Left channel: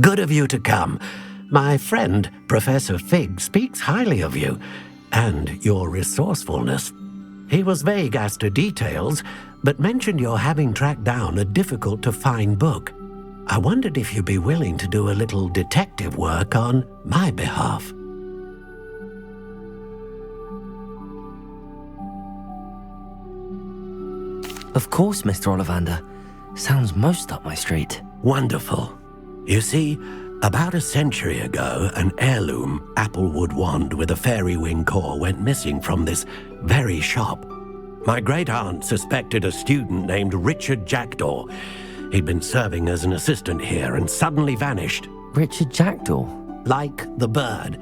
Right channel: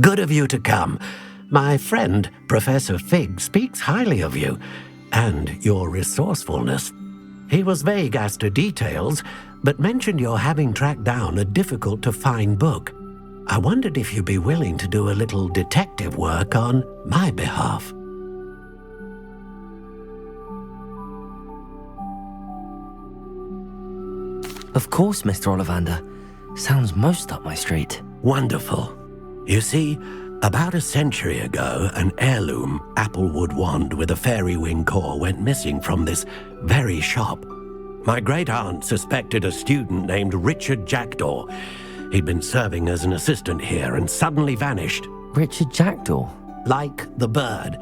Good of you to come. My friend, Professor Fig, speaks highly of you and your resourcefulness. He was vague as to details, but mentioned your having tracked down a difficult-to-find book. I wondered if you'd be willing to do a little detective work on my behalf. Of course, Mr. Ollivander. Sounds most up my street. Wonderful. You see, about a century ago, an heirloom applewood wand with a fairy wing core went missing from this very shop. My great-aunt suspected a student named Richard Jackdaw. He'd been serving as an assistant here and suddenly vanished. Richard Jackdaw? Like the bird.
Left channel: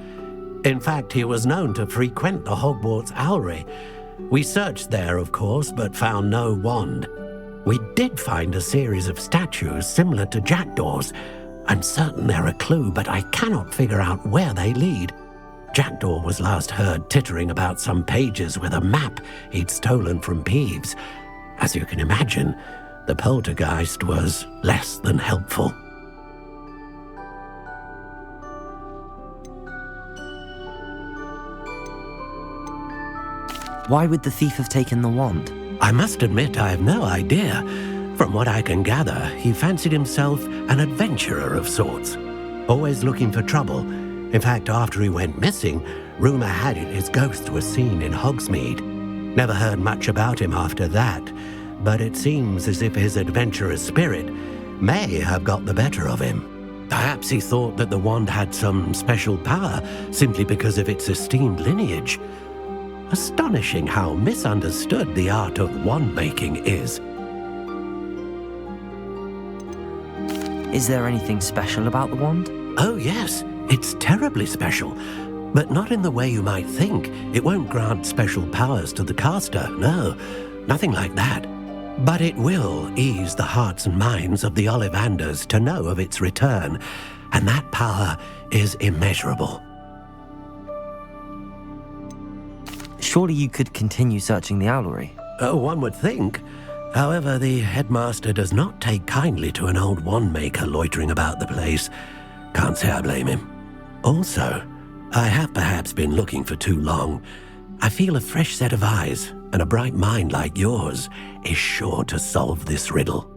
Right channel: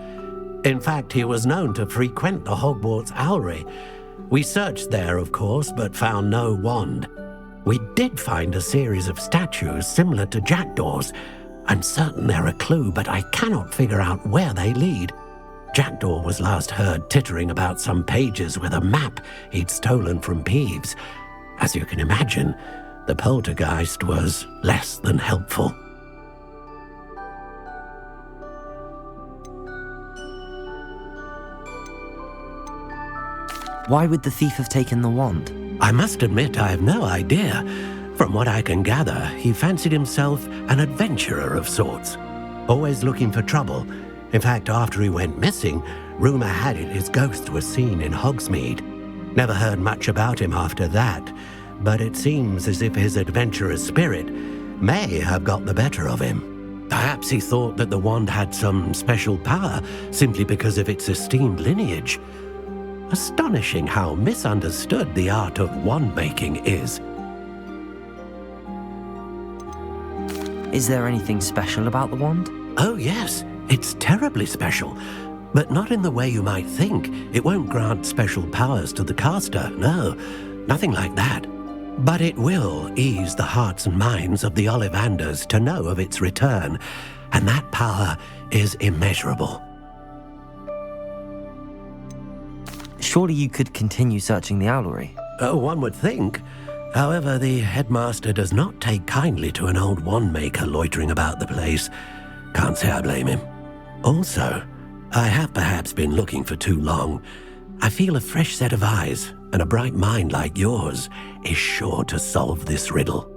In fact, he was known to frequent the Hogwarts owlery. We searched there, of course, but found no wand. We did find a series of statues similar to Jackdaw's. I'm certain they're a clue, but I cannot figure out where they lead. Jackdaw was last heard tittering about some pages with a map he'd stolen from Peeves. As you can imagine, the poltergeist was less than helpful. Why would the thief have taken the wand? I must admit I have no idea. From what I can gather, he fancied himself an adventurer of sorts, always looking for trouble. In fact, after he went missing, rumor had it his ghost was seen in Hogsmeade. Never heard much about him after that, but it seems as if his adventurous spirit may have got the better of him. Perhaps he thought that the wand had some special power simply because of its esteemed lineage. Astonishing how misunderstood the art of wand-making is. Is there anything special about the wand? Oh yes, it's terribly special. But not in the way you might think. It won't grant special powers to the caster, no, nothing like that. But it will ease the hearts and minds of the Ollivanders to know of its return, and that power is immeasurable. Surely you could continue searching the owlery. Oh, one would think. However, the headmaster does not take kindly to an old wand-maker loitering about the place. Can't say I blame him. Also, I have perhaps been looking for too long. I feel a fresh set of eyes and a bright mind like yours is sure to solve this riddle.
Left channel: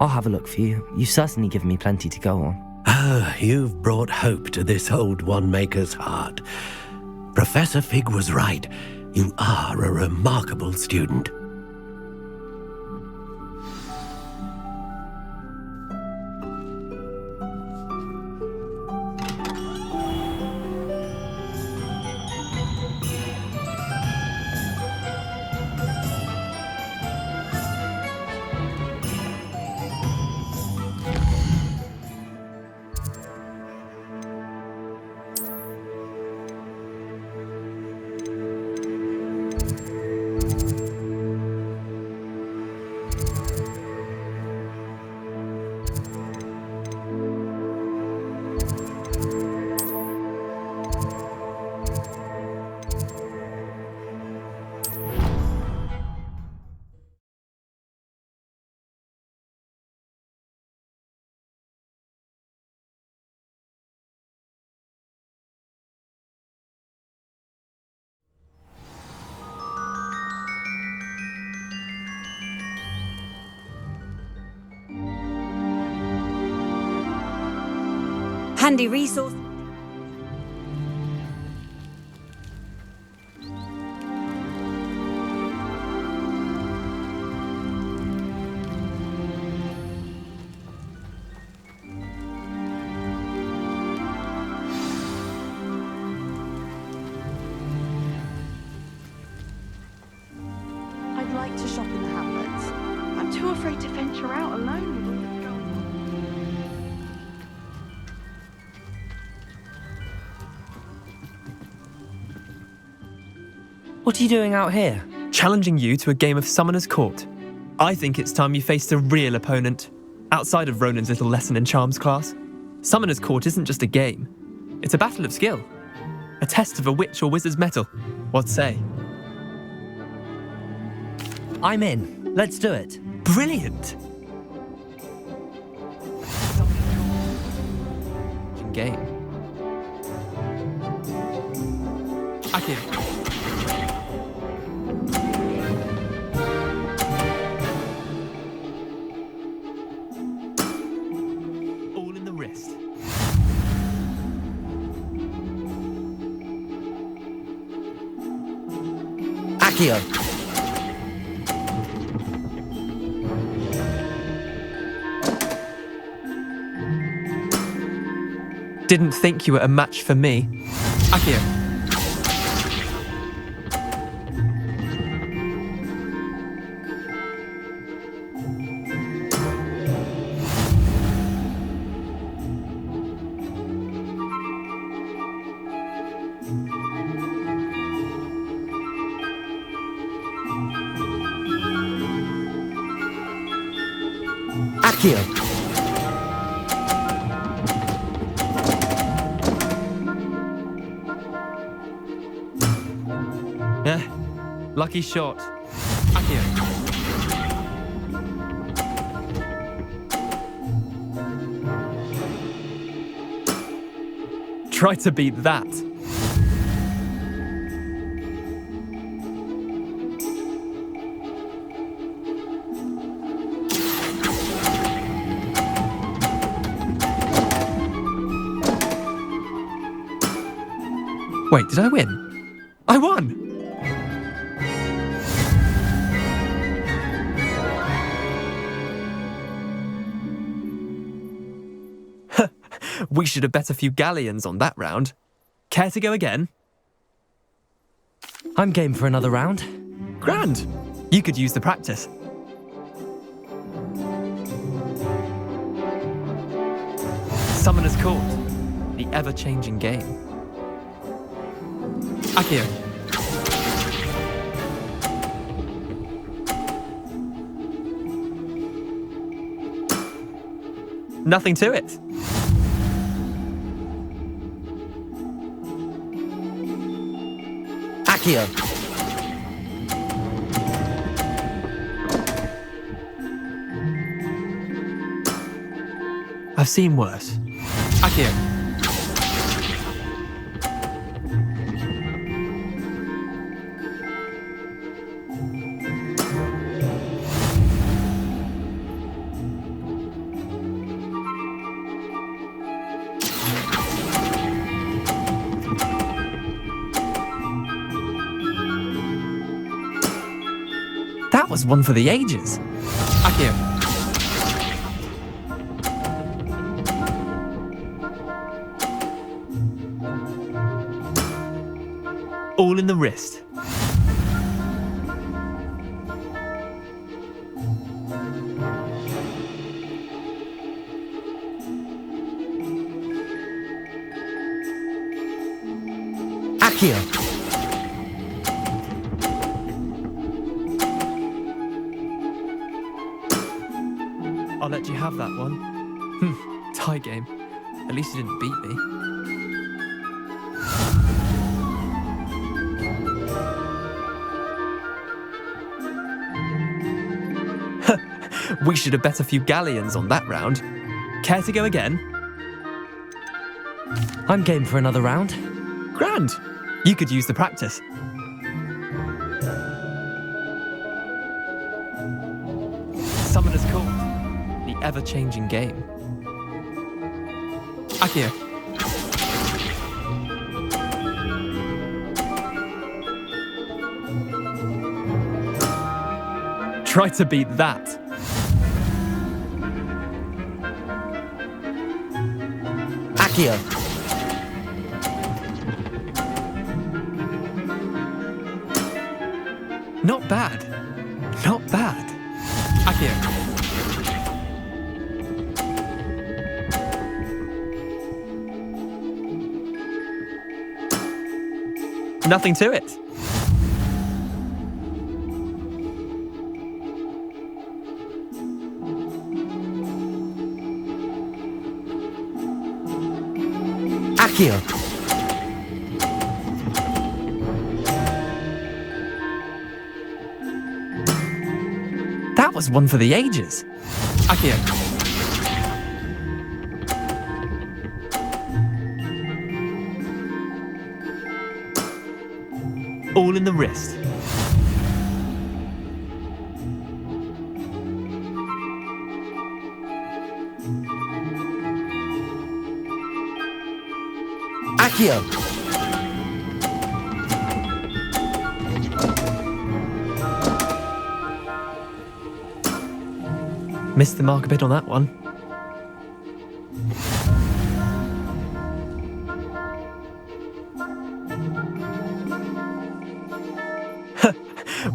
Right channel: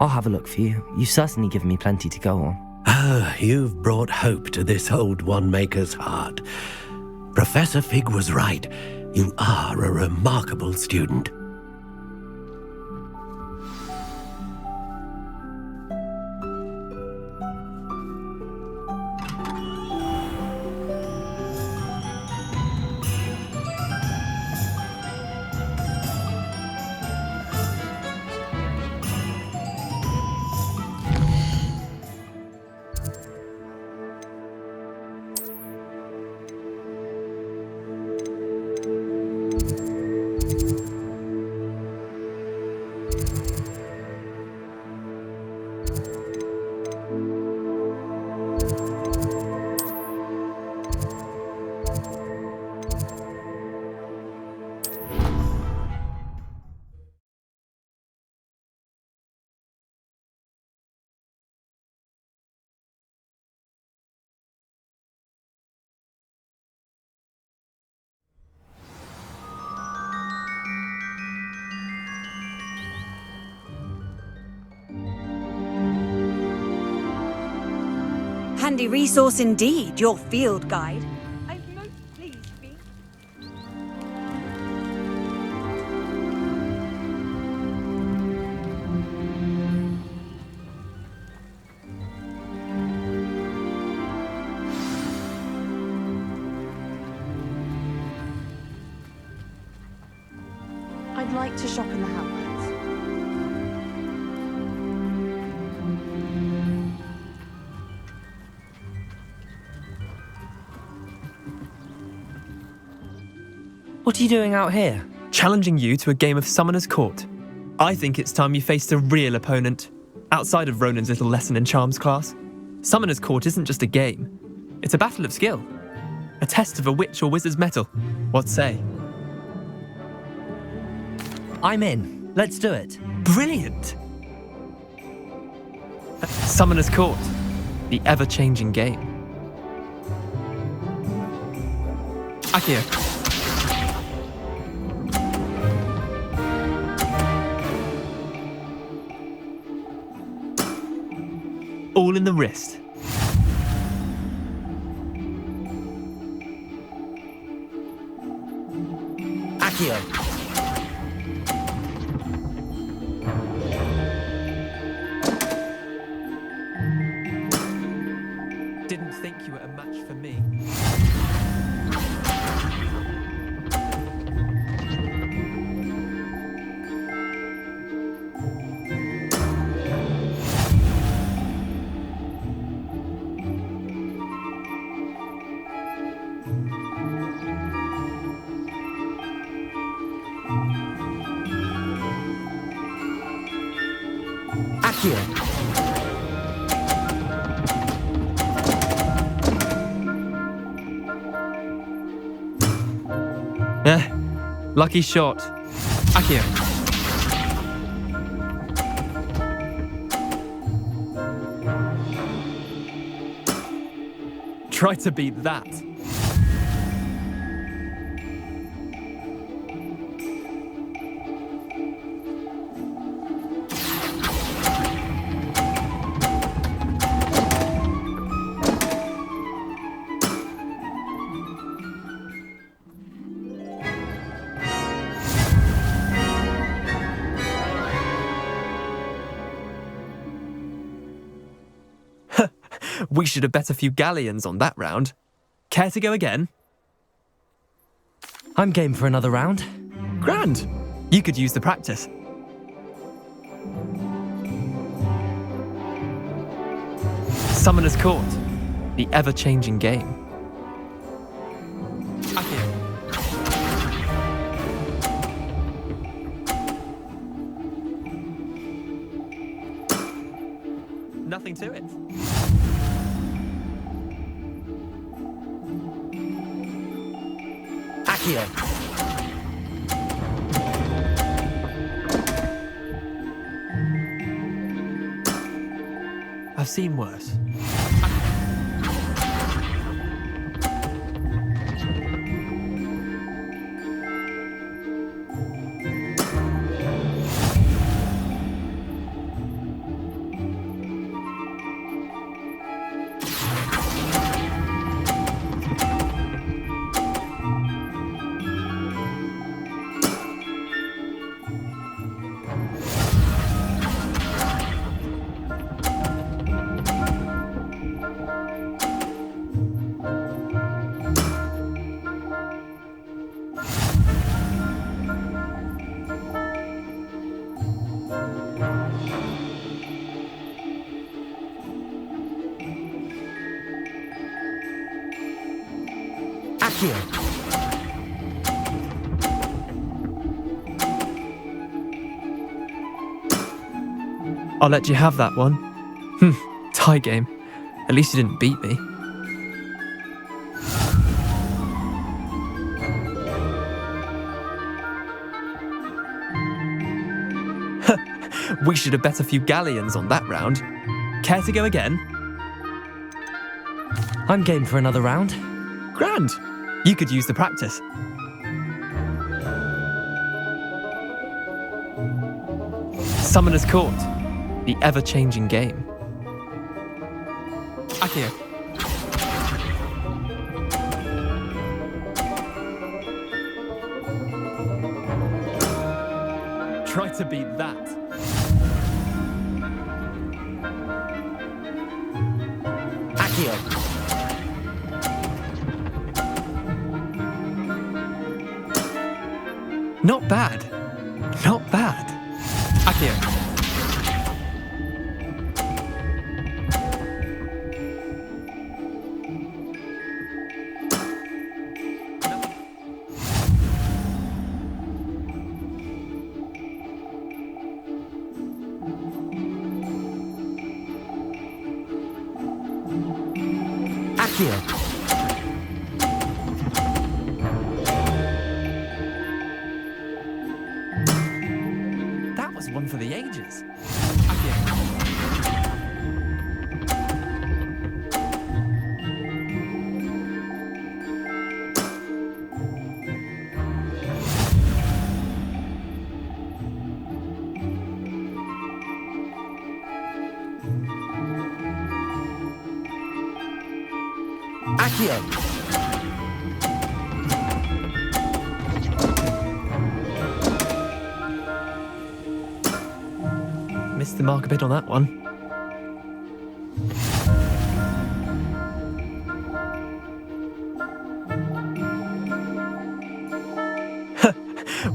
I'll have a look for you. You've certainly given me plenty to go on. Oh, you've brought hope to this old wand-maker's heart. Professor Fig was right. You are a remarkable student. Handy resource indeed, your field guide. I'm most pleased to be... I'd like to shop in the Hamlets. I'm too afraid to venture out alone. What are you doing out here? Challenging you to a game of Summoner's Court. I think it's time you faced a real opponent, outside of Ronan's little lesson in charms class. Summoner's Court isn't just a game. It's a battle of skill. A test of a witch or wizard's mettle. What say? I'm in. Let's do it. Brilliant! Summoner's Court, the ever-changing game. Akio. All in the wrist. Akio. Didn't think you were a match for me. Akio. Akio. Lucky shot. Akio. Try to beat that. Wait, did I win? I won! We should have bet a few galleons on that round. Care to go again? I'm game for another round. Grand! You could use the practice. Summoner's Court, the ever-changing game. Akio. Nothing to it. Akio. I've seen worse. Akio. That was one for the ages. Akio. All in the wrist. Akio. I'll let you have that one. Tie game. At least you didn't beat me. We should have bet a few galleons on that round. Care to go again? I'm game for another round. Grand! You could use the practice. Summoner's Court, the ever-changing game. Akio. Try to beat that. Akio. Not bad. Not bad. Akio. Nothing to it. Akio. That was one for the ages. Akio. in the wrist. Accio! Missed the mark a bit on that one.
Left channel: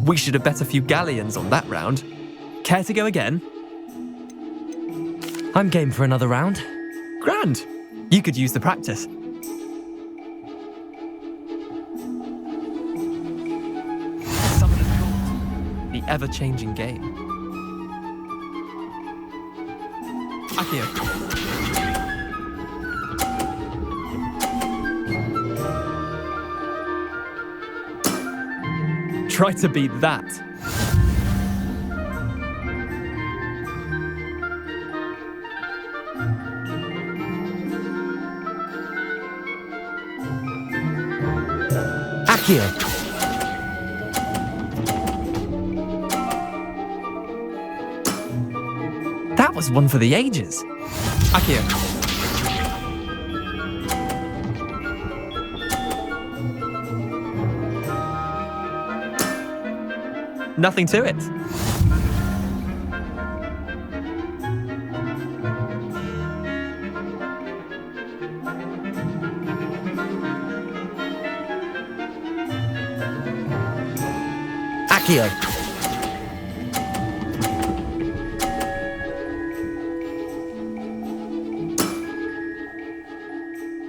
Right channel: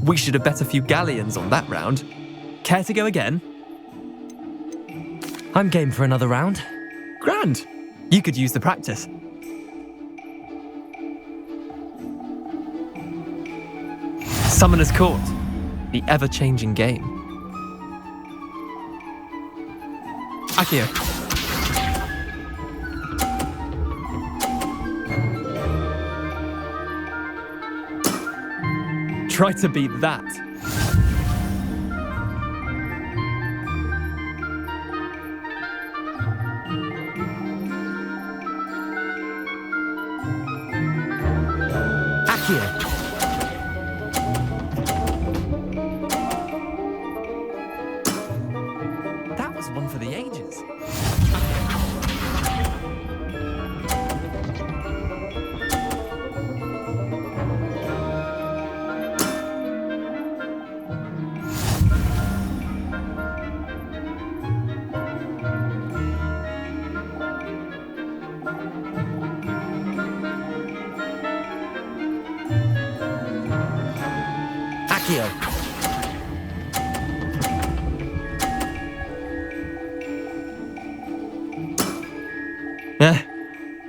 We should have bet a few galleons on that round. Care to go again? I'm game for another round. Grand. You could use the practice. Summoner's Court. The ever-changing game. Accio. Try to beat that. Accio! That was one for the ages. Accio. Nothing to it. Accio!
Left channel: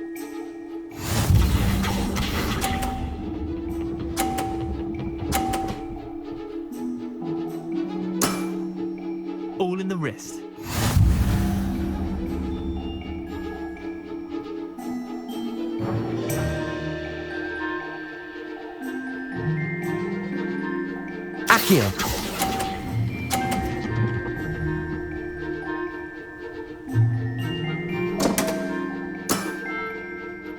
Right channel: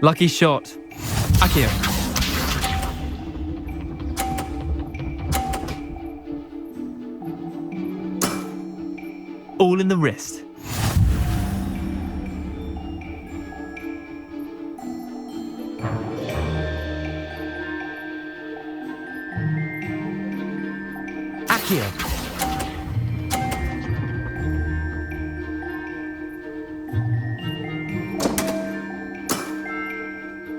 Lucky shot. Accio. All in the wrist. Accio!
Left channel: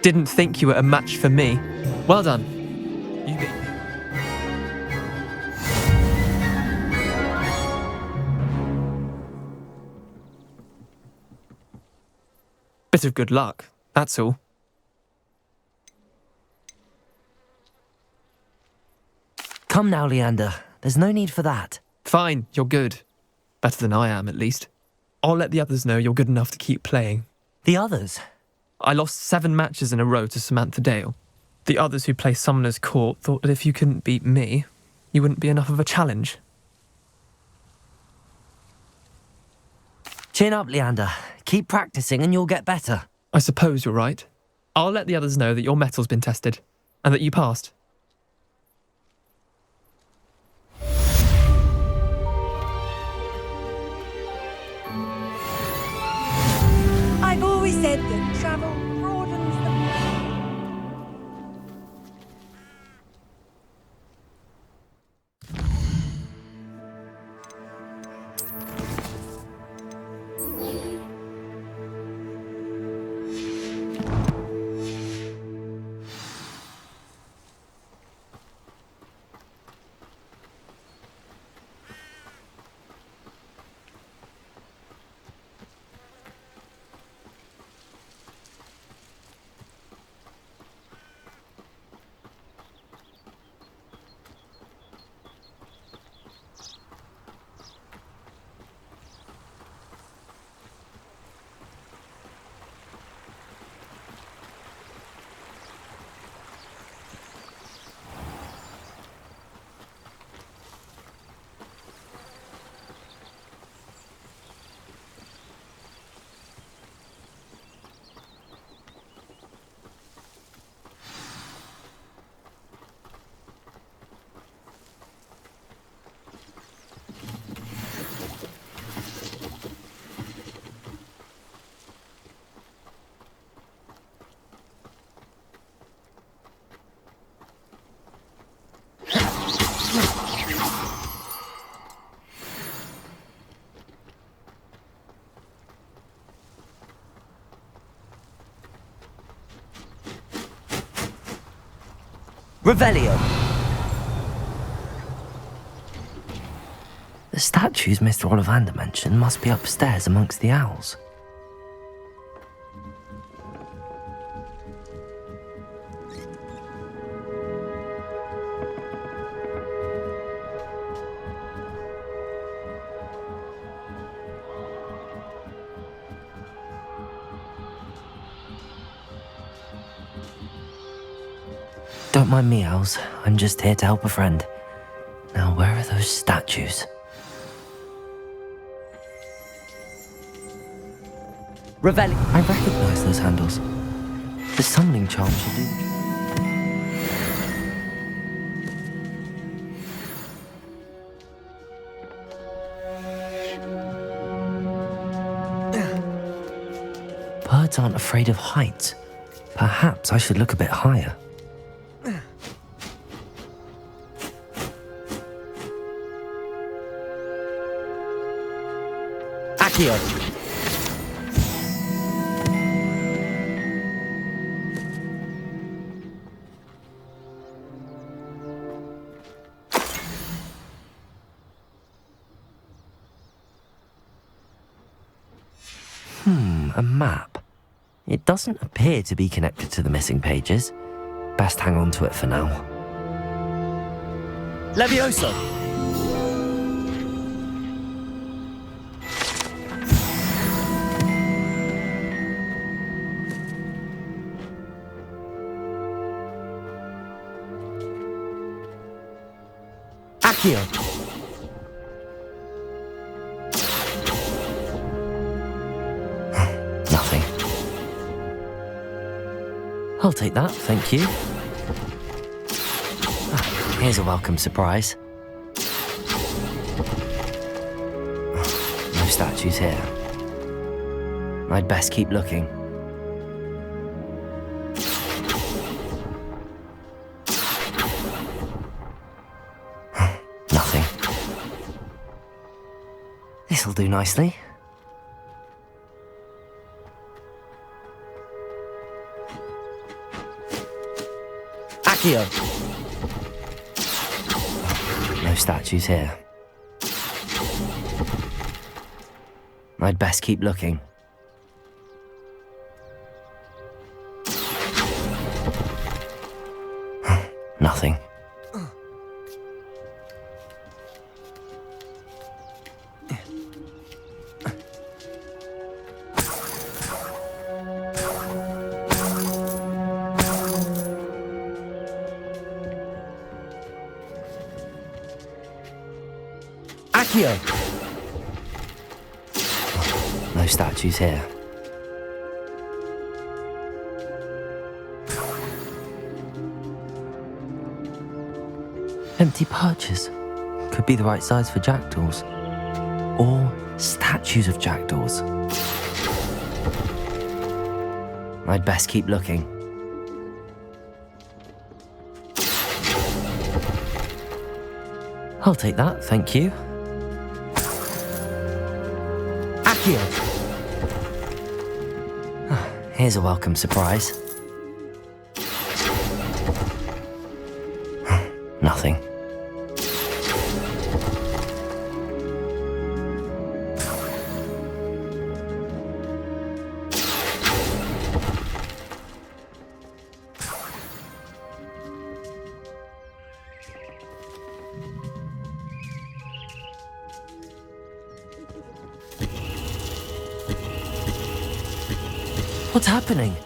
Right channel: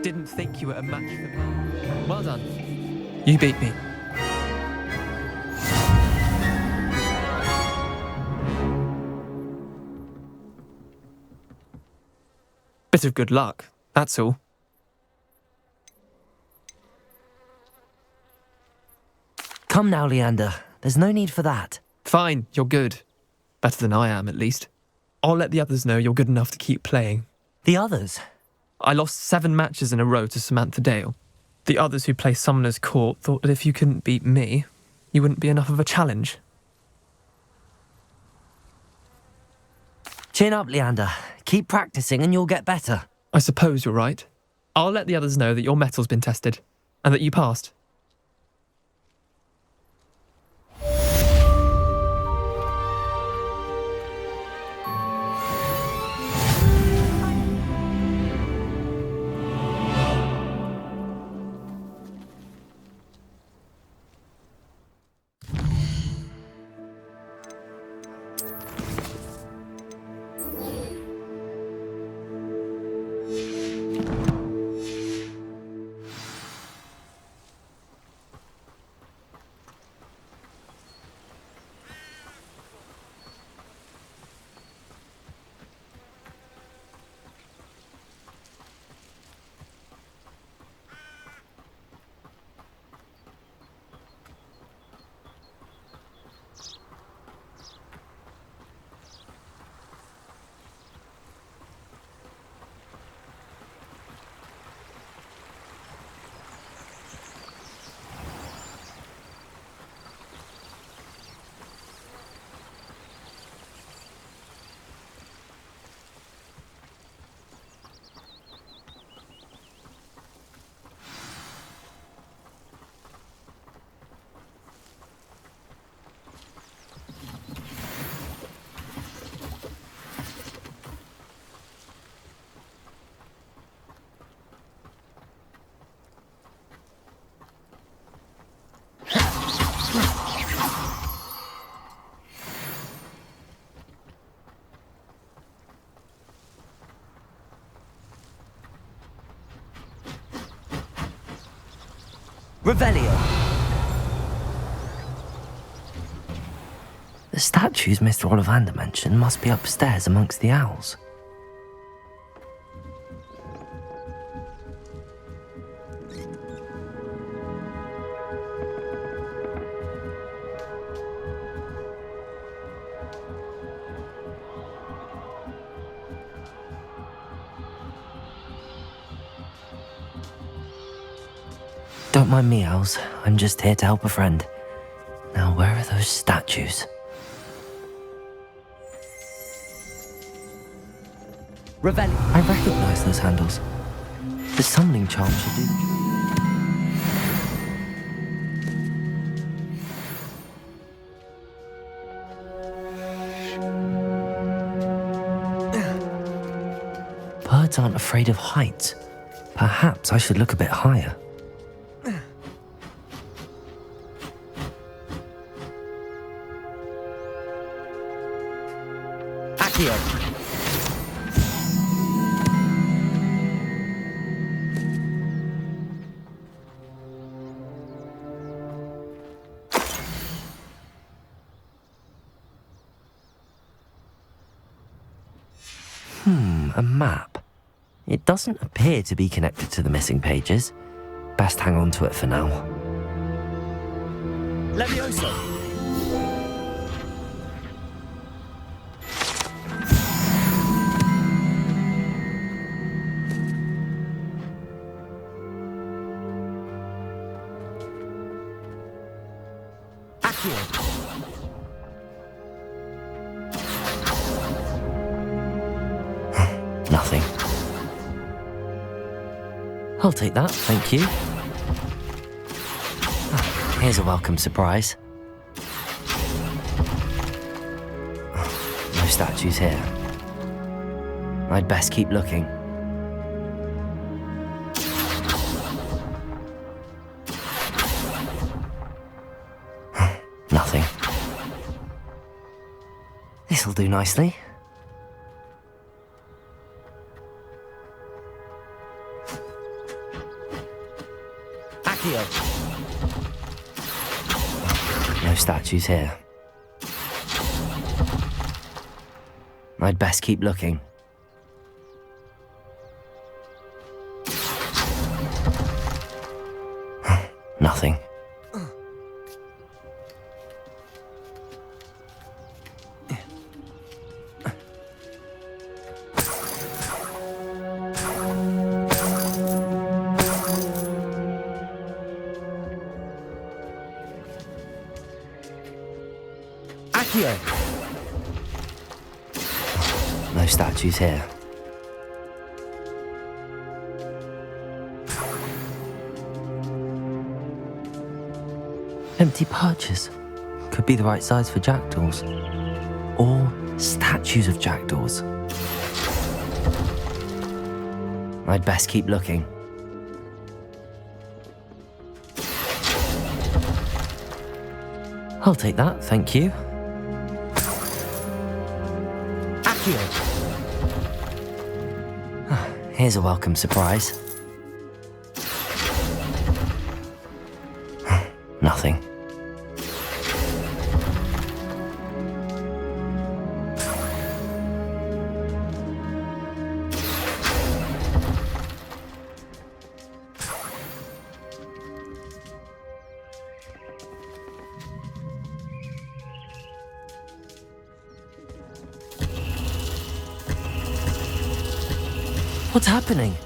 Didn't think you were a match for me. Well done. You beat me. Bit of good luck, that's all. Come now, Leander. There's no need for that. Fine, you're good. Better than I am, at least. I'll let the others know you're good enough to keep playing. The others? I lost 7 matches in a row to Samantha Dale. The others who play Summoner's Court thought that if you couldn't beat me, you wouldn't be enough of a challenge. Chin up, Leander. Keep practicing and you'll get better. I suppose you're right. I'll let the others know that your metal's been tested, and that you passed. I've always said that travel broadens the... Revelio! The statues Mr. Ollivander mentioned must be upstairs amongst the owls. Don't mind me, owls. I'm just here to help a friend. Now, where are those statues? Revelli. I recognize those handles. The summoning charm should do the trick. Birds aren't afraid of heights. Perhaps I should look a bit higher. Accio. A map. It doesn't appear to be connected to the missing pages. Best hang on to it for now. Levioso. Accio. Nothing. I'll take that, thank you. Here's a welcome surprise. No statues here. I'd best keep looking. Nothing. This'll do nicely. Accio. No statues here. I'd best keep looking. Nothing. Accio. No statues here. Empty perches. Could be the right size for jackdaws. Or statues of jackdaws. I'd best keep looking. I'll take that, thank you. Accio. Here's a welcome surprise. Nothing. What's happening?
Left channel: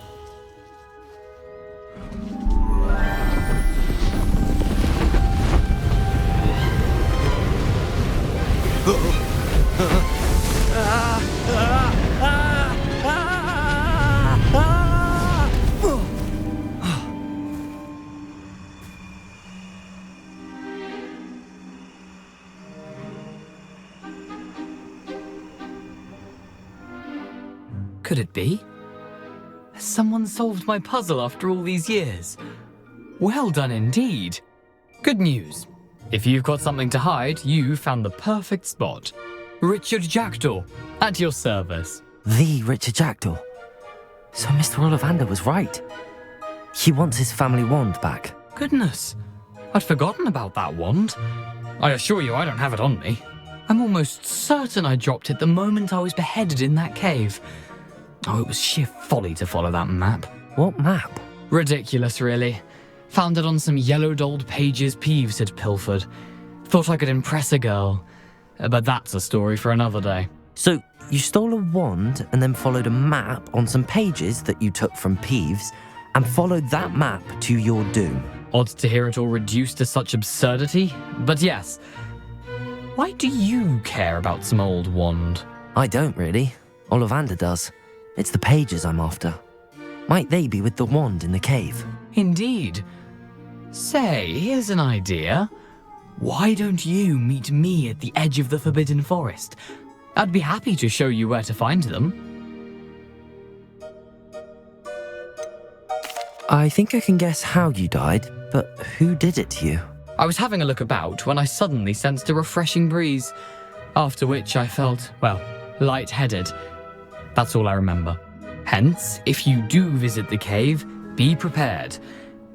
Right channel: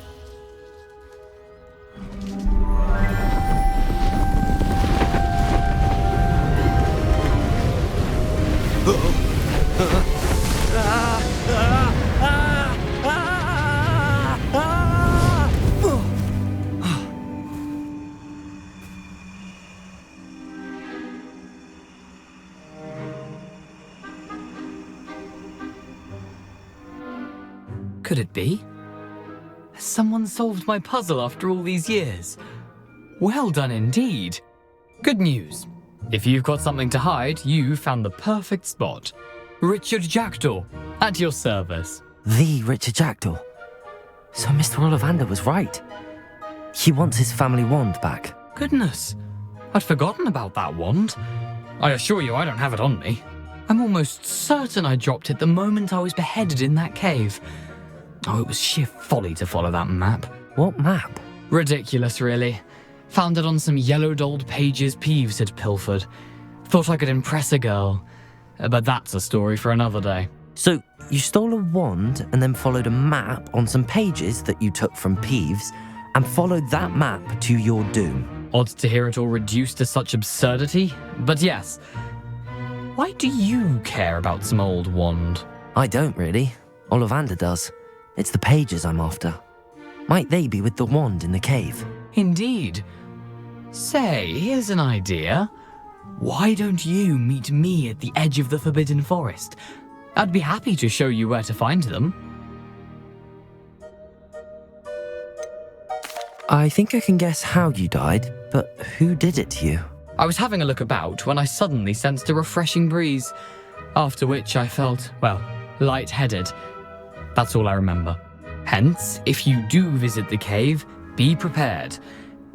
Could it be? Has someone solved my puzzle after all these years? Well done indeed. Good news. If you've got something to hide, you found the perfect spot. Richard Jackdaw, at your service. The Richard Jackdaw. So Mr. Ollivander was right. He wants his family wand back. Goodness, I'd forgotten about that wand. I assure you I don't have it on me. I'm almost certain I dropped it the moment I was beheaded in that cave. Oh, it was sheer folly to follow that map. What map? Ridiculous, really. Found it on some yellowed old pages Peeves had pilfered. Thought I could impress a girl. But that's a story for another day. So, you stole a wand and then followed a map on some pages that you took from Peeves and followed that map to your doom. Odd to hear it all reduced to such absurdity, but yes. Why do you care about some old wand? I don't really. Ollivander does. It's the pages I'm after. Might they be with the wand in the cave? Indeed. Say, here's an idea. Why don't you meet me at the edge of the Forbidden Forest? I'd be happy to show you where to find them. I think I can guess how you died, but who did it to you? I was having a look about when I suddenly sensed a refreshing breeze, after which I felt, well, lightheaded. That's all I remember. Hence, if you do visit the cave, be prepared.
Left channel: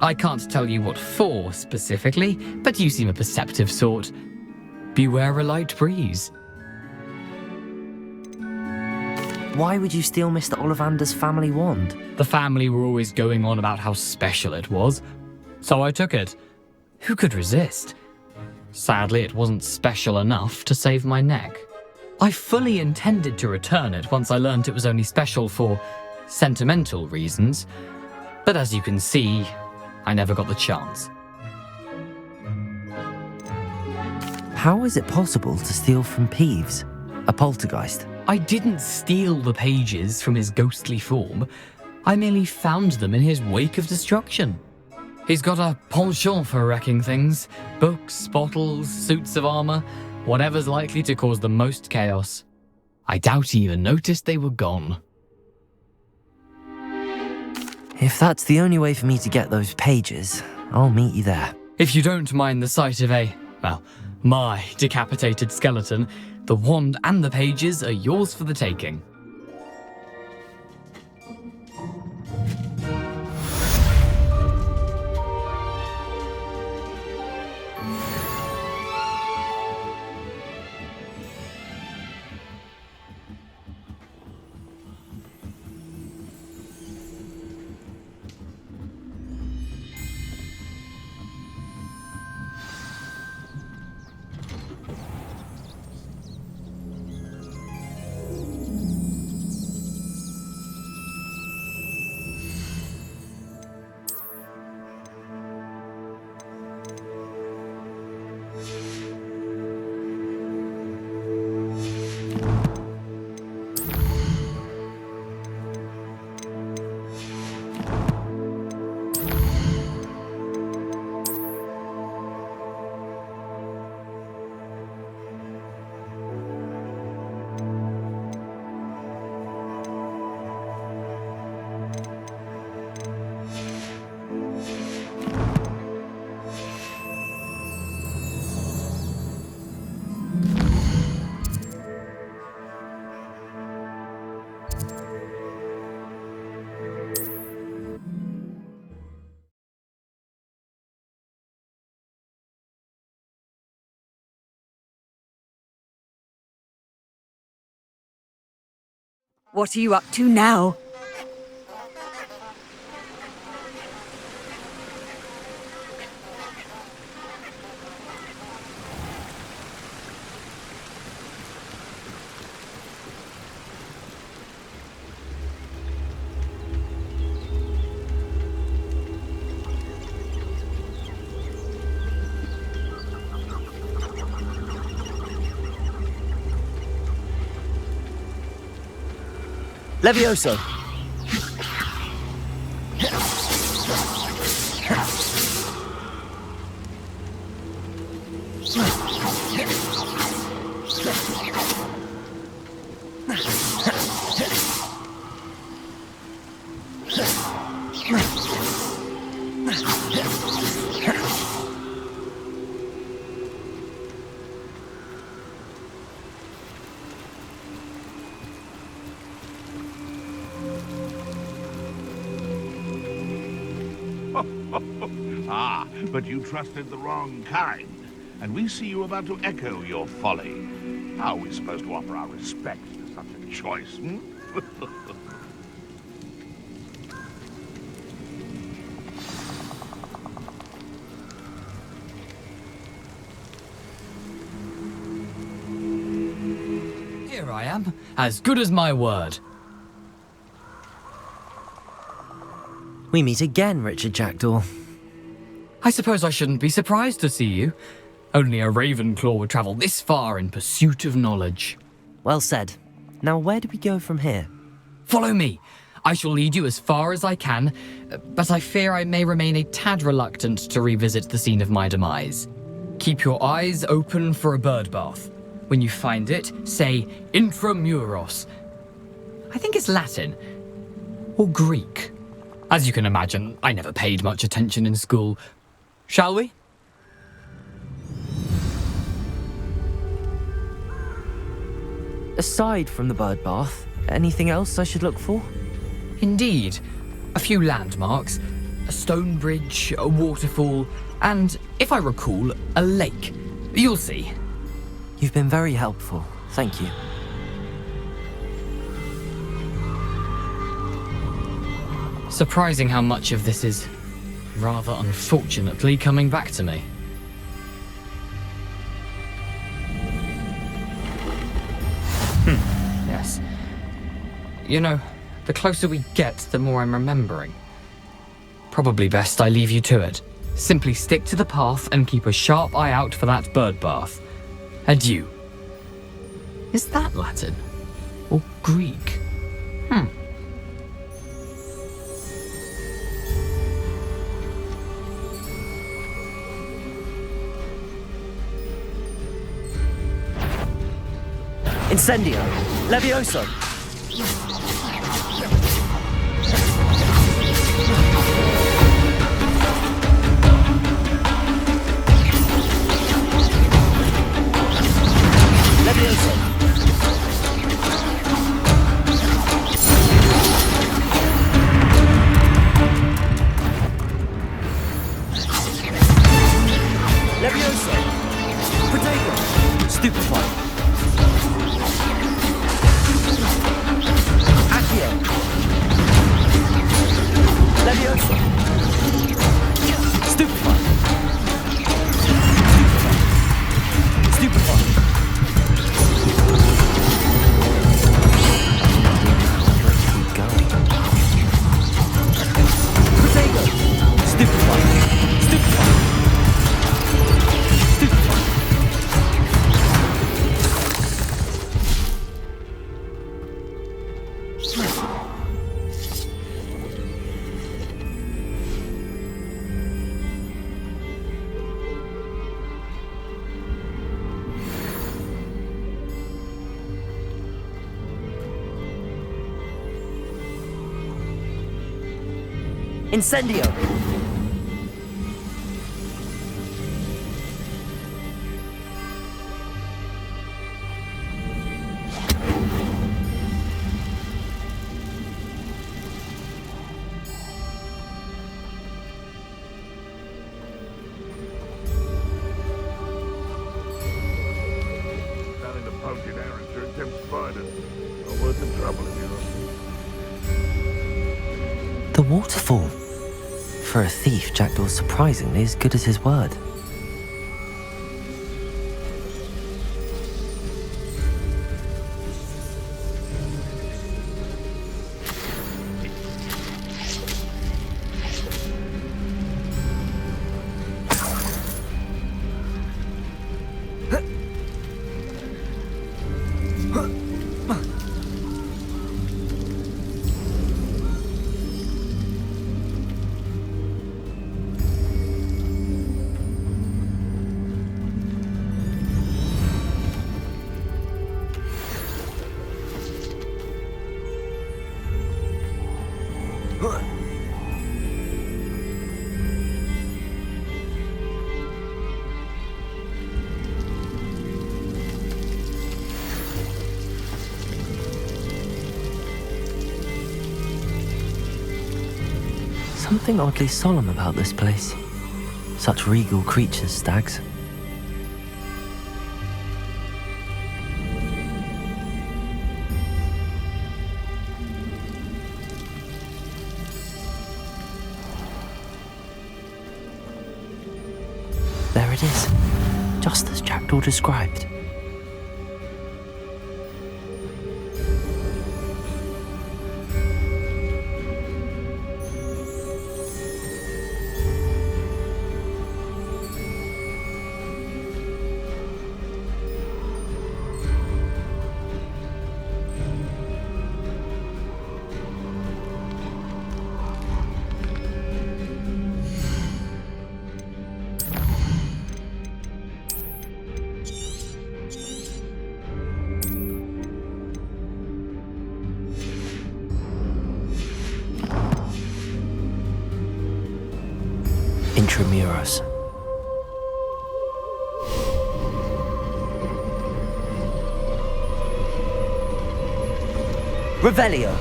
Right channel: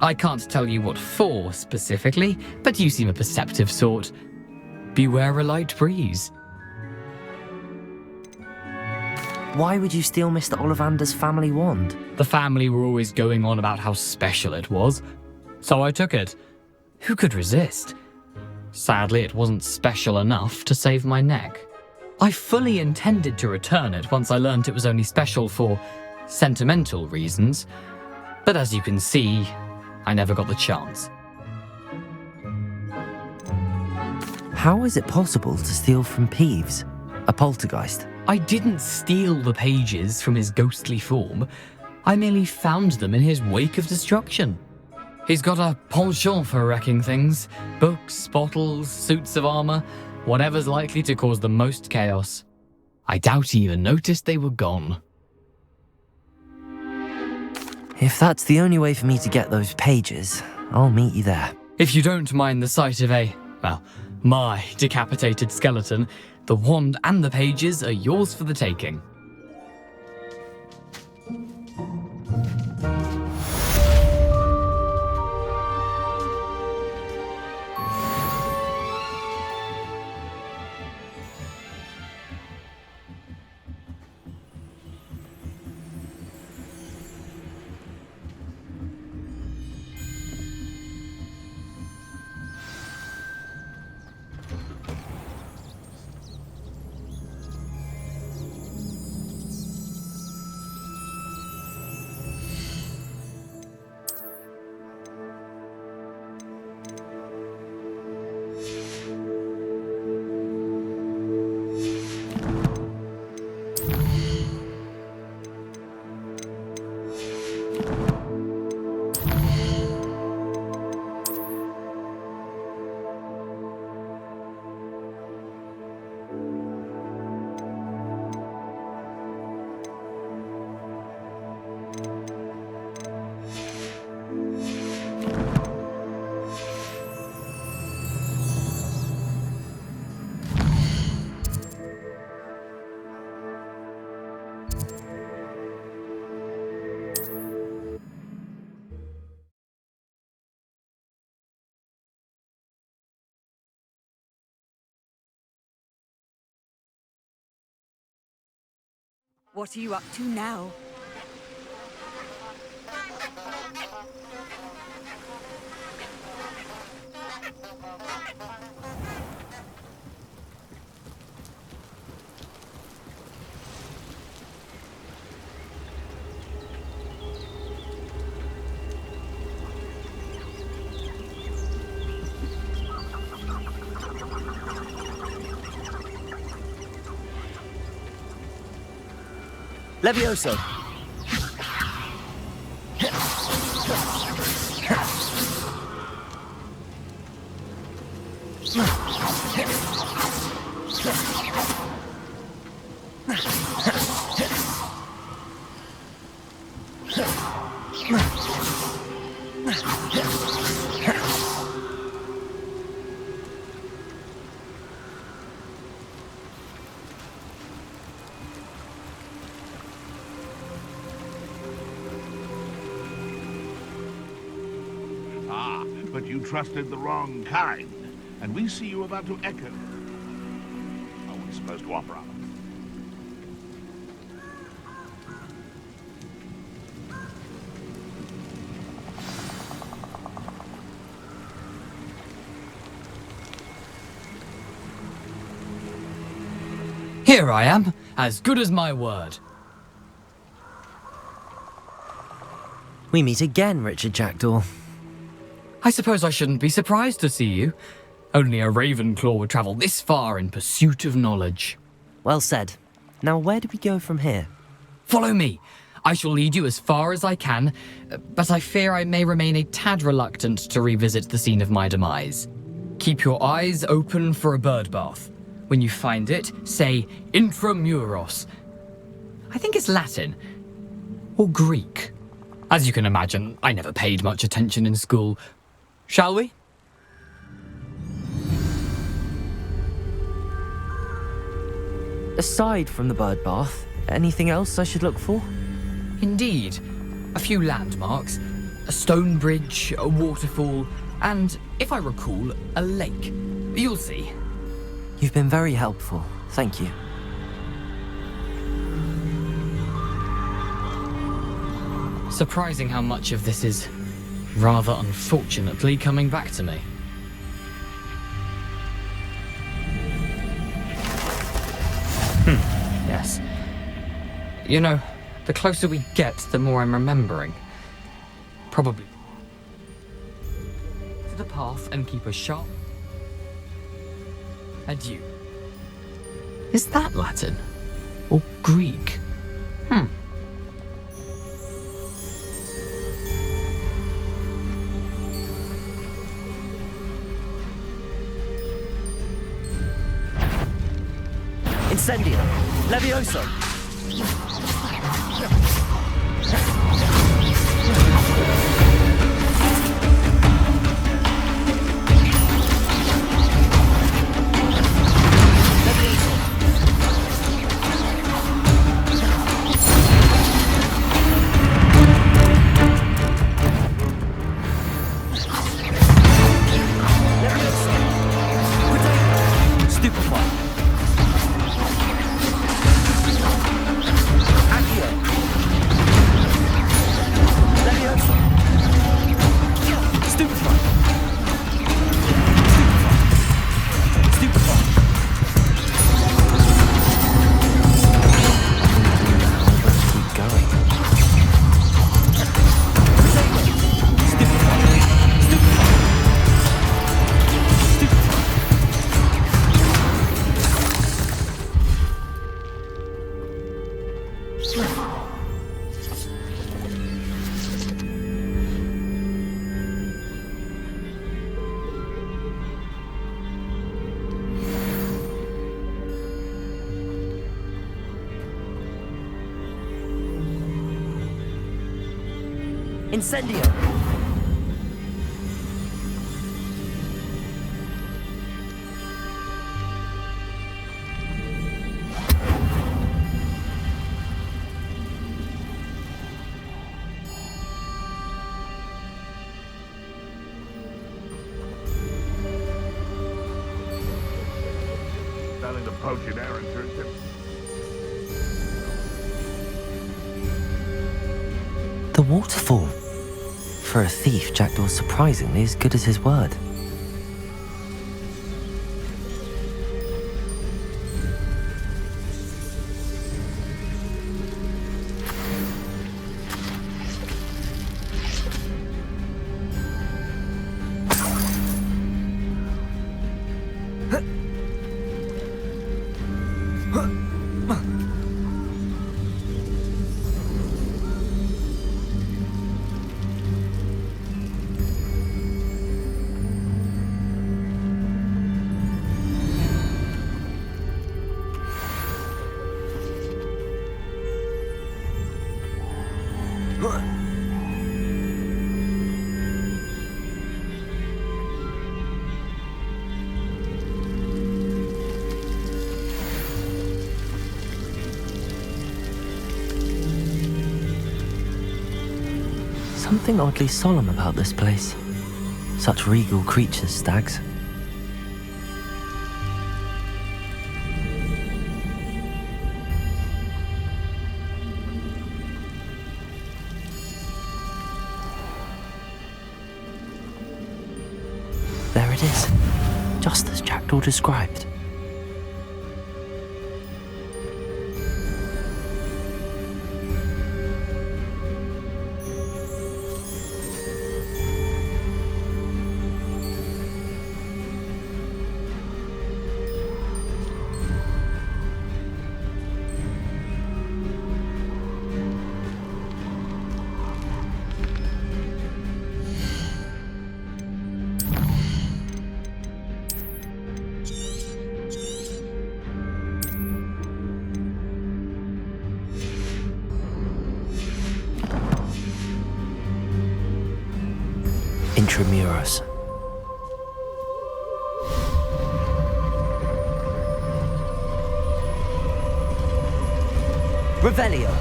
I can't tell you what for specifically, but you seem a perceptive sort. Beware a light breeze. Why would you steal Mr. Ollivander's family wand? The family were always going on about how special it was, so I took it. Who could resist? Sadly, it wasn't special enough to save my neck. I fully intended to return it once I learned it was only special for sentimental reasons, but as you can see, I never got the chance. How is it possible to steal from Peeves, a poltergeist? I didn't steal the pages from his ghostly form. I merely found them in his wake of destruction. He's got a penchant for wrecking things. Books, bottles, suits of armor, whatever's likely to cause the most chaos. I doubt he even noticed they were gone. If that's the only way for me to get those pages, I'll meet you there. If you don't mind the sight of my decapitated skeleton, the wand and the pages are yours for the taking. What are you up to now? Levioso. But you trusted the wrong kind, and we see you about to echo your folly. How are we supposed to offer our respect to such a choice, hmm? Here I am, as good as my word. We meet again, Richard Jackdaw. I suppose I shouldn't be surprised to see you. Only a Ravenclaw would travel this far in pursuit of knowledge. Well said. Now, where do we go from here? Follow me. I shall lead you as far as I can, but I fear I may remain a tad reluctant to revisit the scene of my demise. Keep your eyes open for a bird bath. When you find it, say intramuros. I think it's Latin. Or Greek. As you can imagine, I never paid much attention in school. Shall we? Aside from the bird bath, anything else I should look for? Indeed. A few landmarks, a stone bridge, a waterfall, and, if I recall, a lake. You'll see. You've been very helpful. Thank you. Surprising how much of this is, rather unfortunately, coming back to me. Yes. You know, the closer we get, the more I'm remembering. Probably best I leave you to it. Simply stick to the path and keep a sharp eye out for that bird bath. Adieu. Is that Latin? Or Greek? Incendio. Levioso. Levioso. Levioso. Protego. Stupefy. Accio. Levioso. Stupefy. Stupefy. Stupefy. Keep going. Protego. Stupefy. Stupefy. Stupefy. Incendio. Selling the poaching errand turns him fun. Not worth the trouble, you know. The waterfall. For a thief, Jackdaw's surprisingly as good as his word. Something oddly solemn about this place. Such regal creatures, stags. There it is, just as Jackdaw described. Intramuros. Revelio.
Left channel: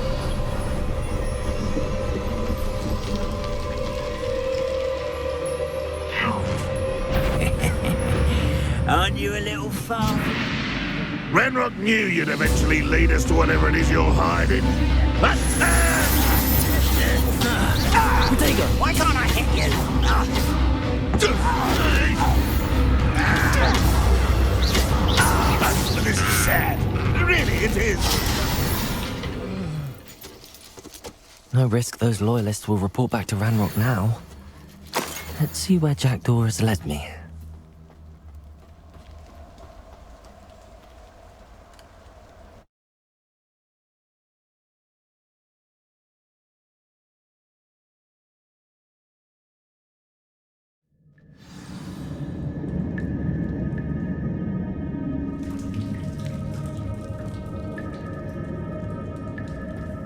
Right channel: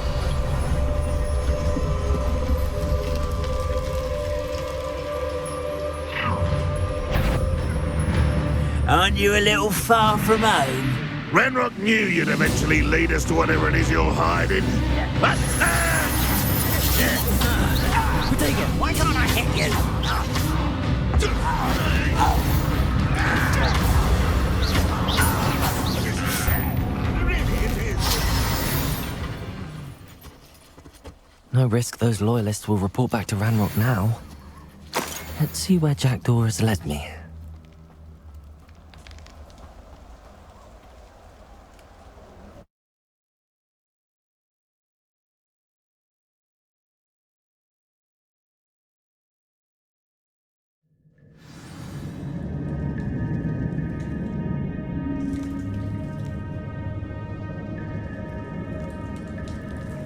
Aren't you a little far from home? Ranrock knew you'd eventually lead us to whatever it is you're hiding. But, Protego. Why can't I hit you? This is sad. Really, it is. No risk those loyalists will report back to Ranrock now. Let's see where Jackdaw has led me.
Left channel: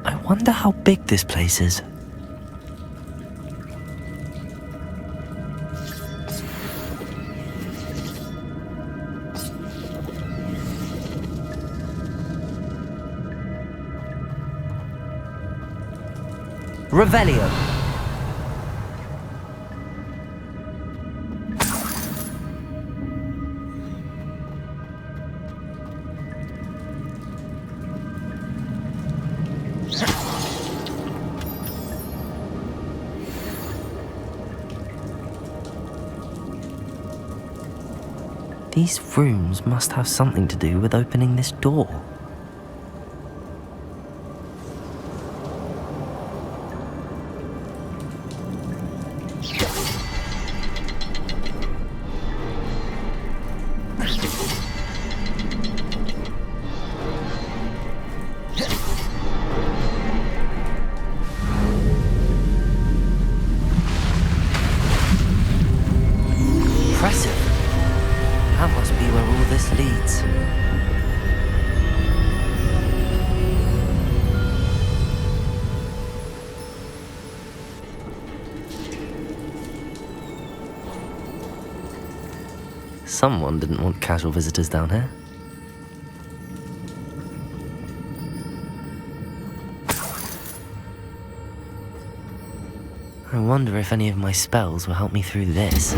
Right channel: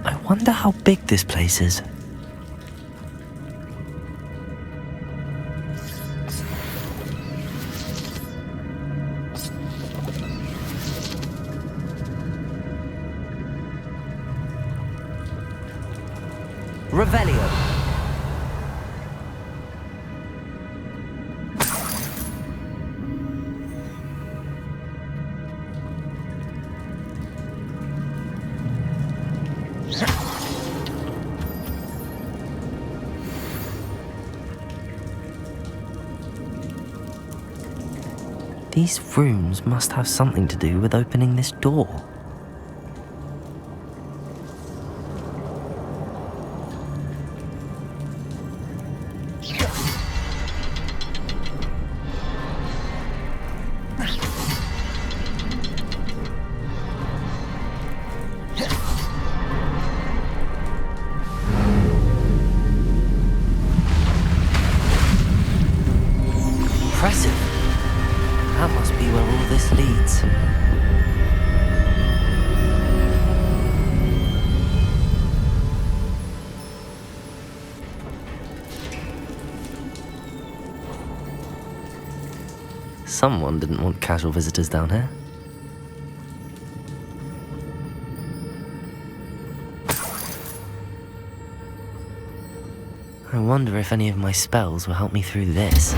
I wonder how big this place is. Revelio. These rooms must have something to do with opening this door. Impressive. That must be where all this leads. Someone didn't want casual visitors down here. I wonder if any of my spells will help me through this.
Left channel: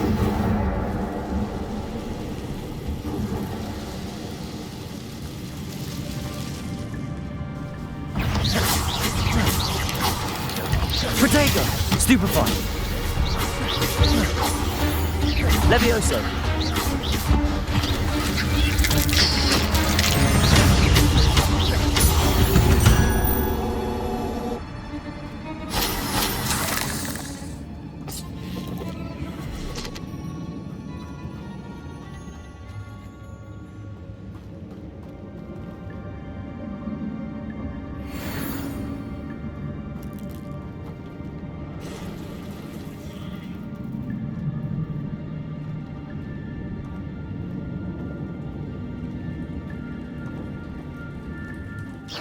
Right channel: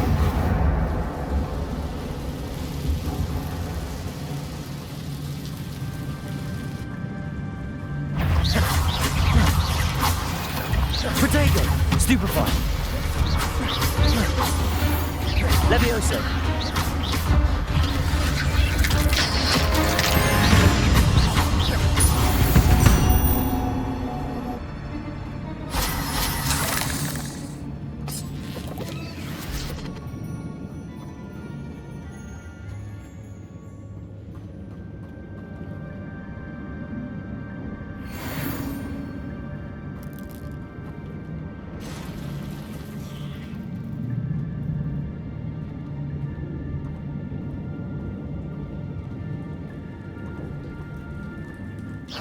Protego. Stupefy. Levioso.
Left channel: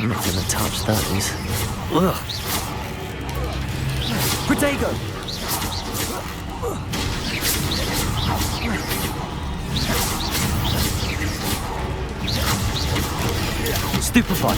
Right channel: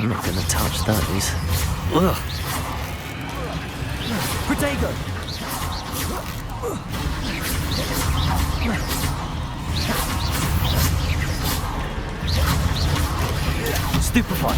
I'm not gonna touch those. Ugh. Protego. Stupefy.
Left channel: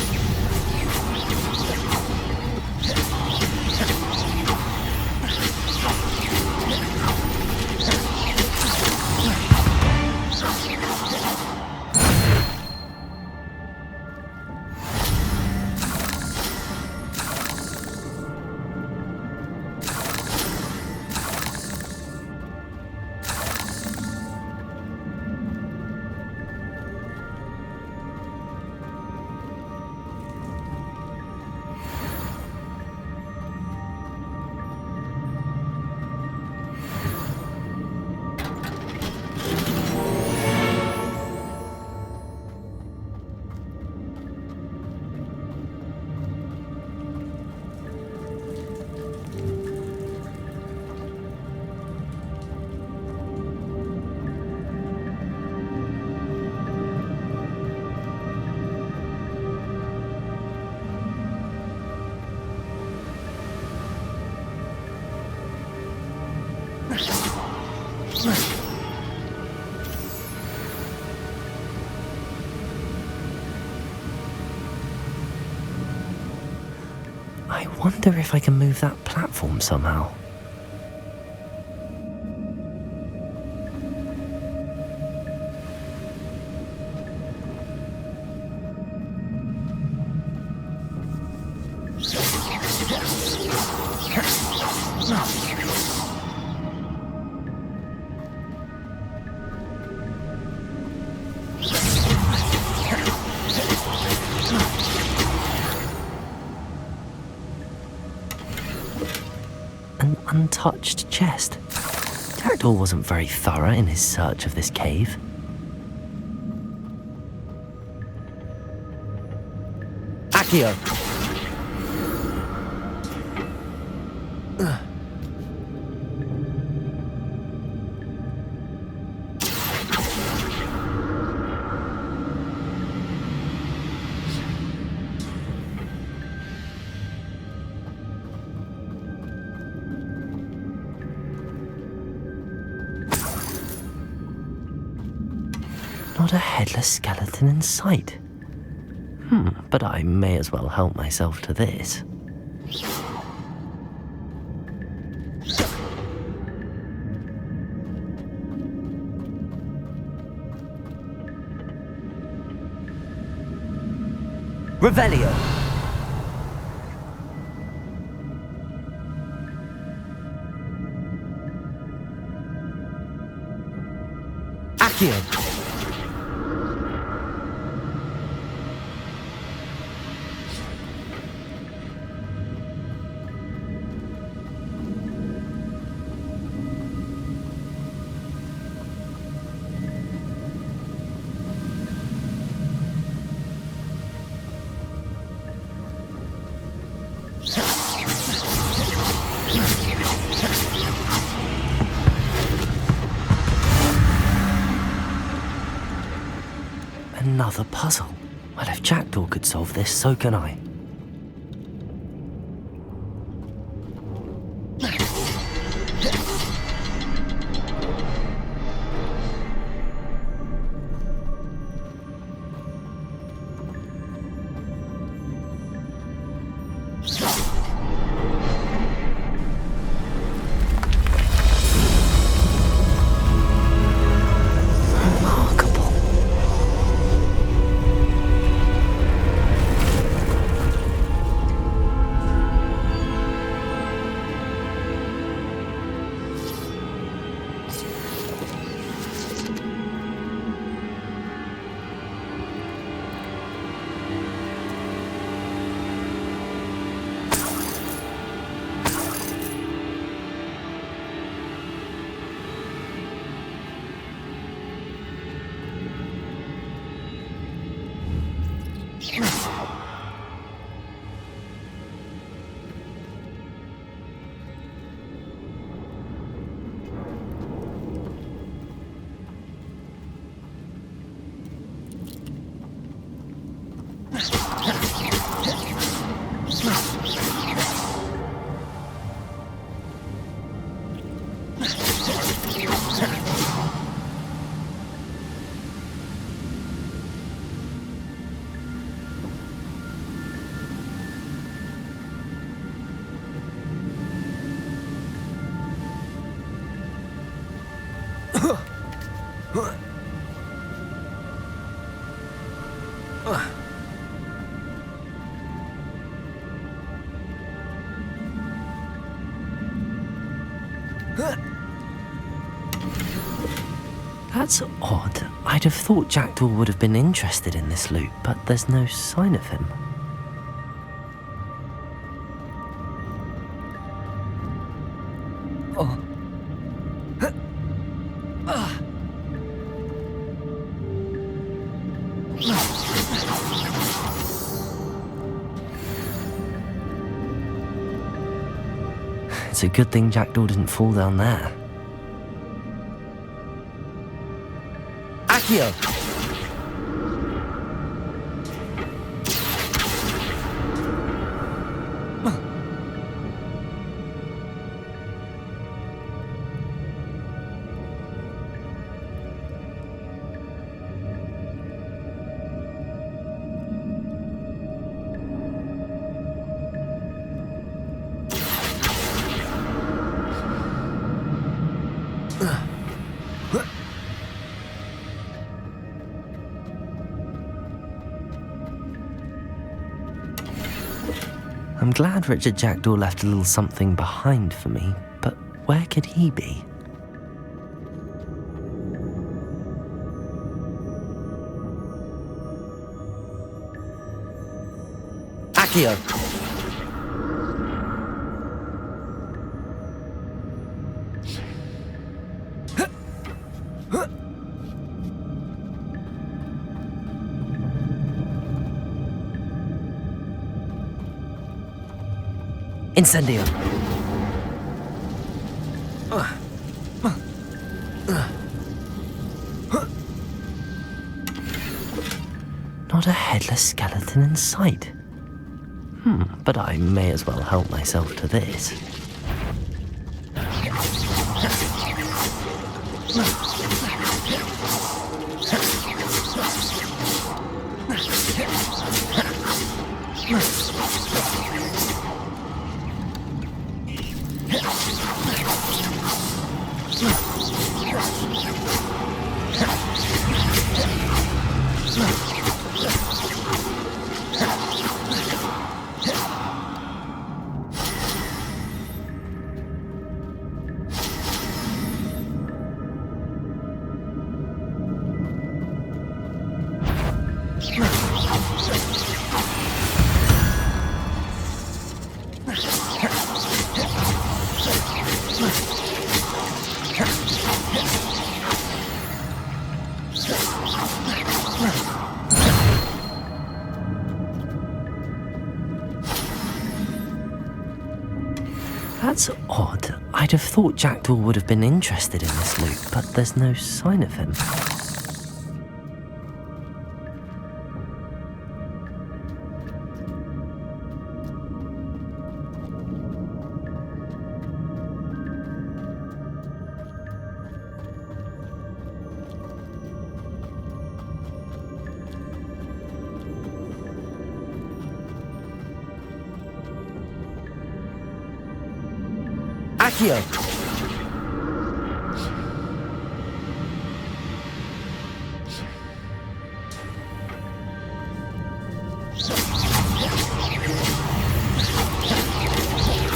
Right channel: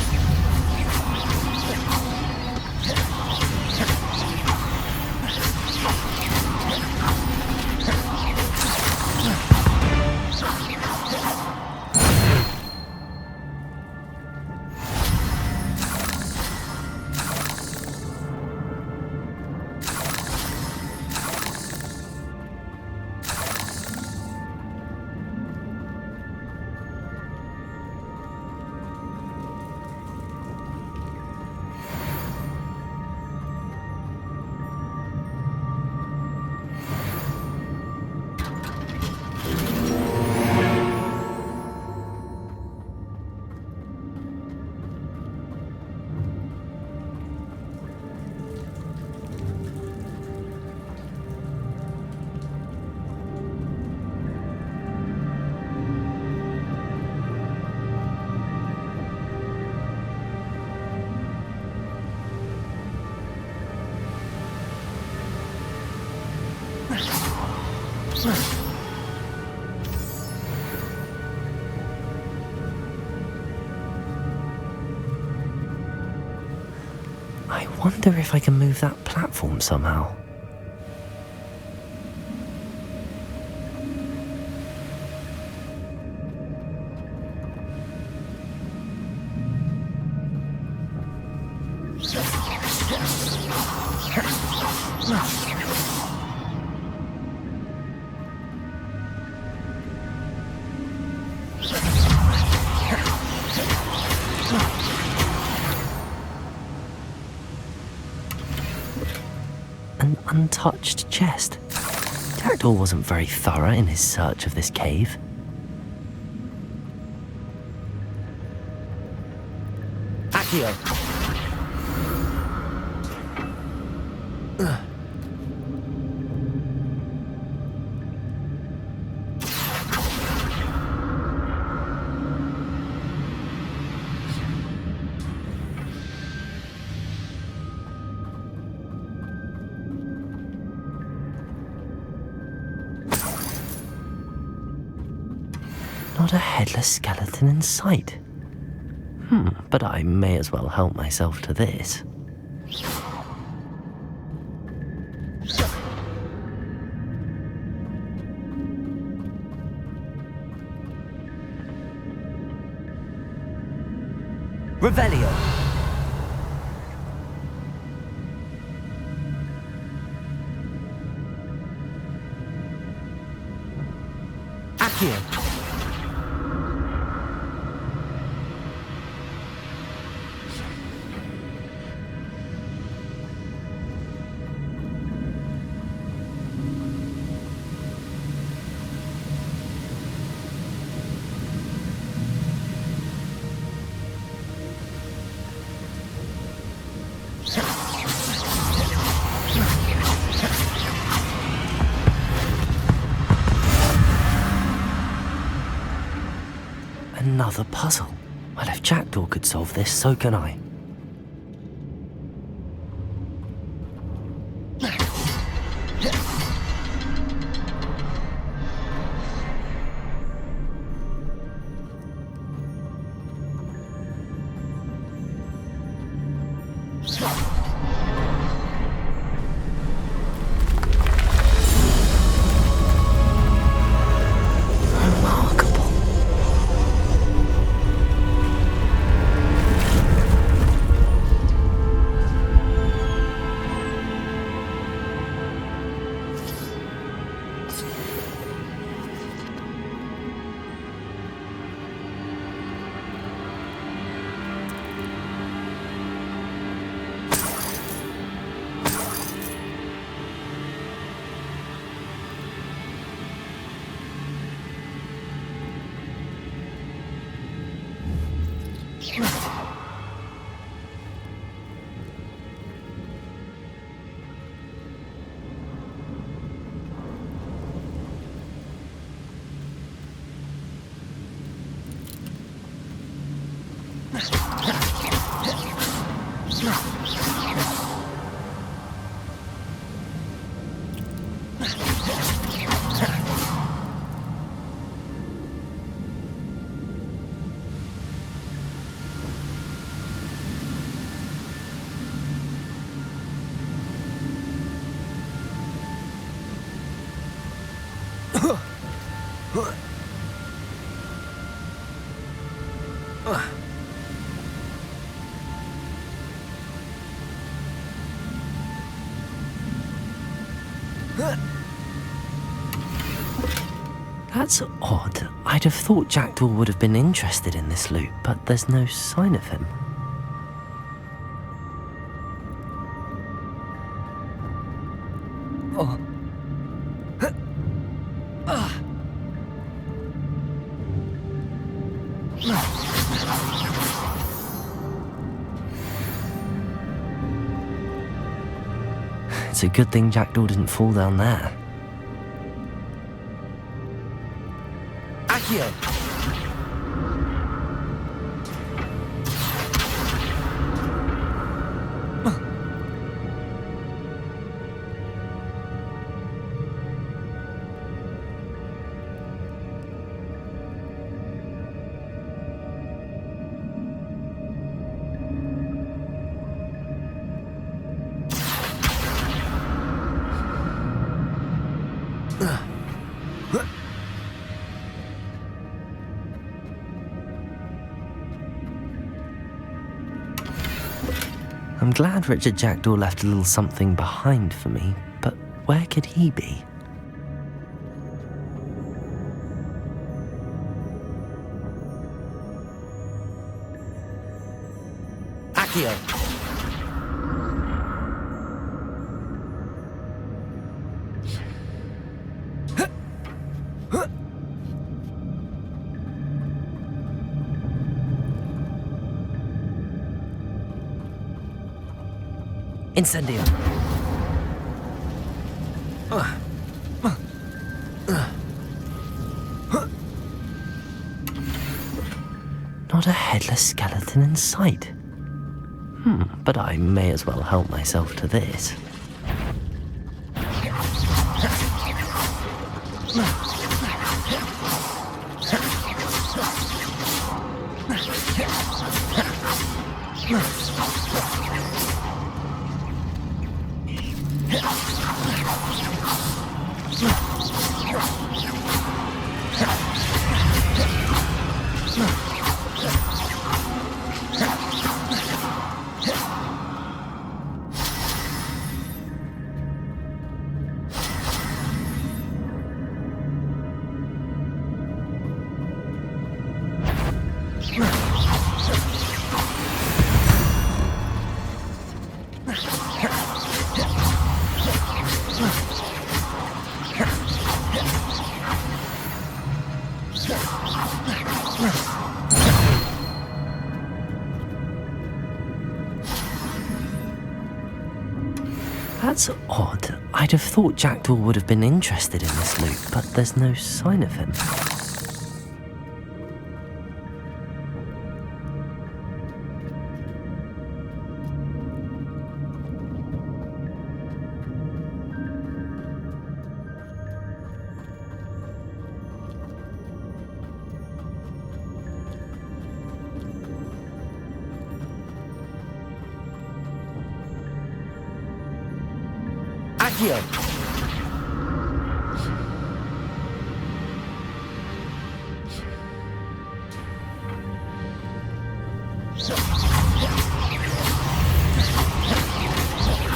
I wonder if I can move that platform somehow. An untouched chest. Jackdaw wasn't very thorough in his search of this cave. Accio. Not a headless skeleton in sight. But I may as well help myself to this. Revelio. Accio. Another puzzle. Well, if Jackdaw could solve this, so can I. Remarkable. That's odd. I'd have thought Jackdaw would have been interested in this loot, but there's no sign of him. It's a good thing Jackdaw didn't fall down there. Accio. I'm glad Richard Jackdaw left a little something behind for me, but where could he be? Accio. Incendio. Not a headless skeleton in sight. But I may as well help myself to this. That's odd. I'd have thought Jackdaw would have been interested in this loot, but there's no sign of him. Accio.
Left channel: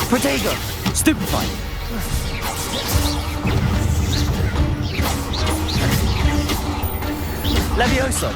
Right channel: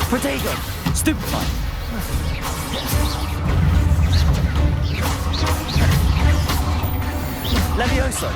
Protego. Stupefy. Levioso.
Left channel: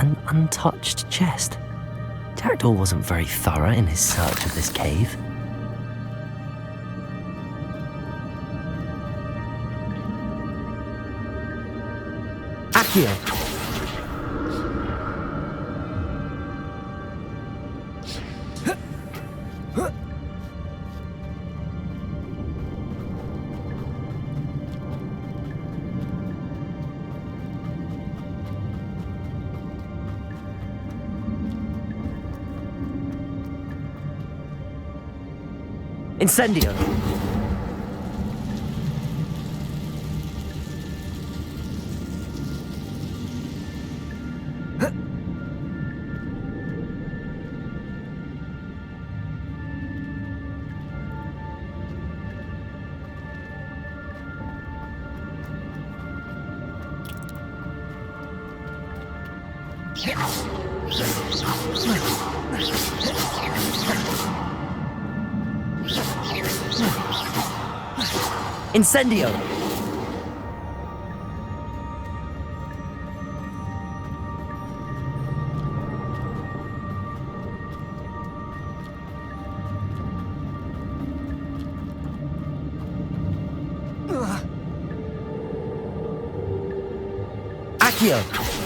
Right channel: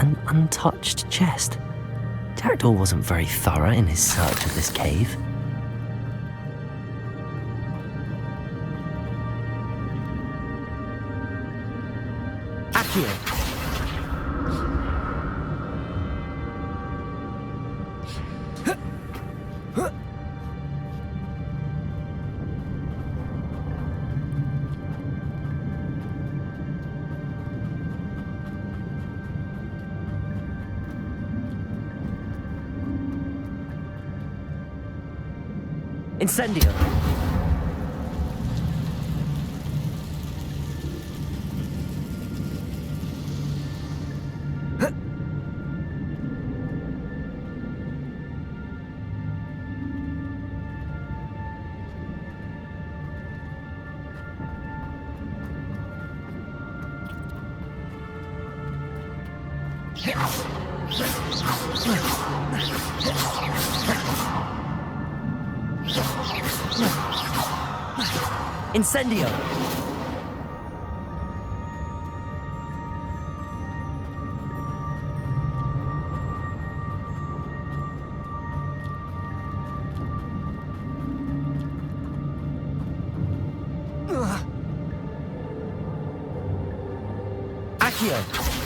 An untouched chest. Jackdaw wasn't very thorough in his search of this cave. Accio. Incendio. Incendio. Accio.